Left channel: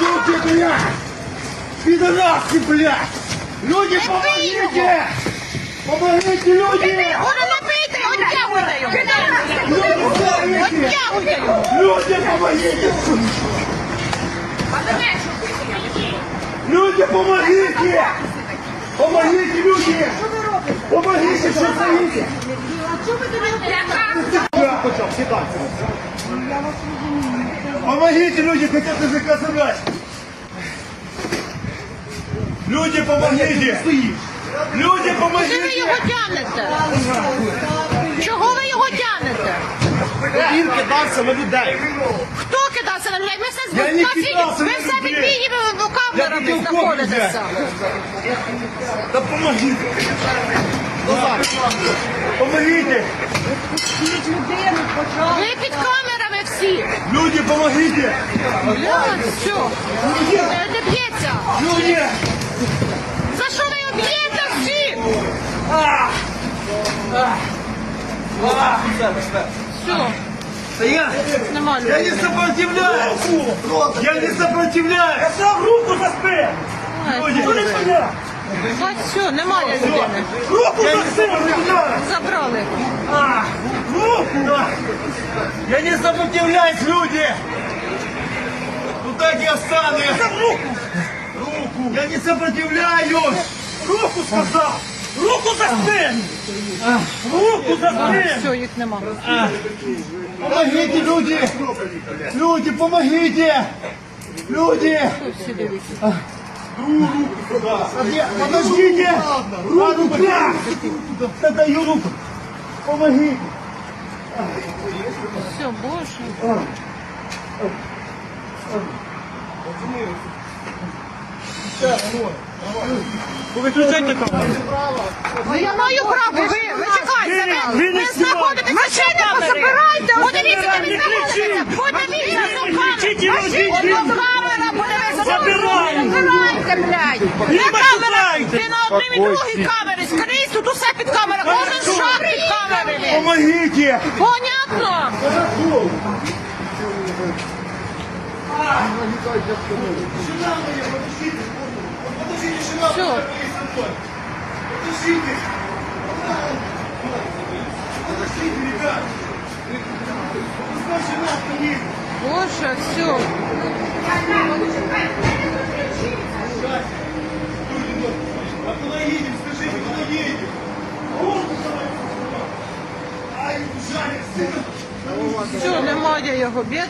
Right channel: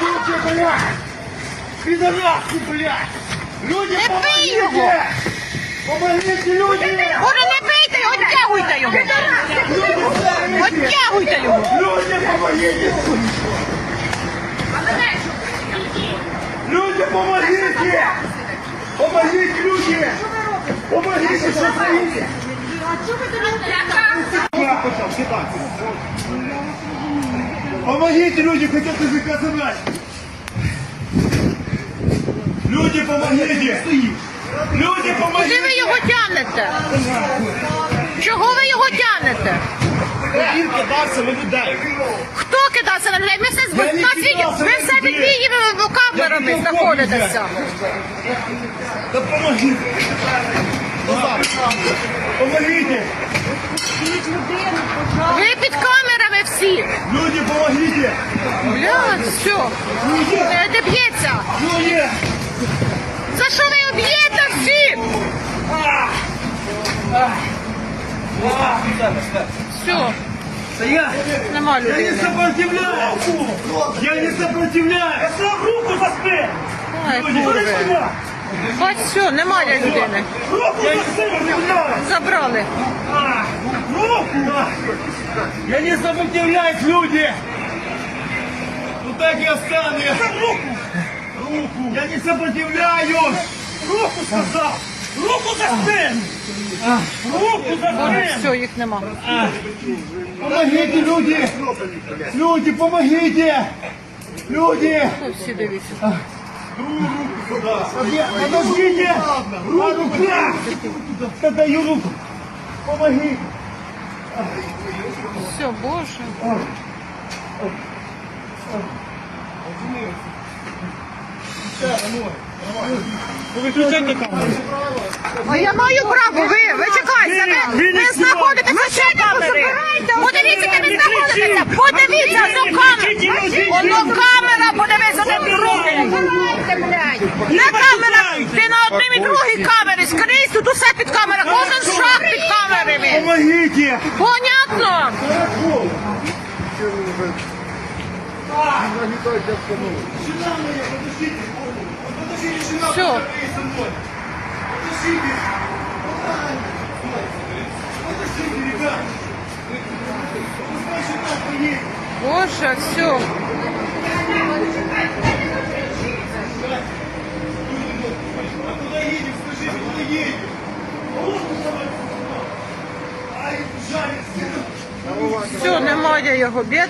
Люди, блядь! Пидорасы, блядь! Люди, помогите! Помогите, люди! Не бийте, оттягуйте його. Люди, помогите! Оттягуйте його. Люди, помогите! Люди, помогите! Помогите, люди! Помогите, что стоите? Помогите, люди, хотят языка задать! Люди, помогите! Люди, Куди ви його тянете? Чого ви його тягнете? Він кидався на людей. Хто кидався на людей? Ми все Я не нас відео- кидався ви все під відео камерами знаходитеся. Да помогите! Помогите! Ви під камерами всі. Люди, помогите! Бля, все. Е, Не б'ється. Люди! За що ви б'єте всі? Все, я, нема я не сопротивляюсь! Я не сопротивляюсь! Я сам руку сюди! Ось все, немає людини. Руку я не сопротивляюсь! Забрали. А, Руку! Я не сопротивляюсь, люди! Вот так и останусь! Руку! Руку! Я не сопротивляюсь! Руку сказал! Руку заспи! Руку заспи! Все, їх нема. Помогите, люди! Люди, помогите! Люди! Всі дивіться. Подождите! Руку! Да даю руку! Помогите! Все, боже. Выключайте камеру! А я маю право, ви, ви чекайте, ви, Ви знаходитеся машини позабирайте. Подивіться, де ви знаходитеся, подивіться, одну камеру. Одну камера, подивіться, де ви Забирайте, блядь. Не камера, ти на одній і другій камері, скрізь, тут усе під камерою, кожен шаг під камерами. Помогите! Понятно? Все. Боже, все. Все, немає його бід.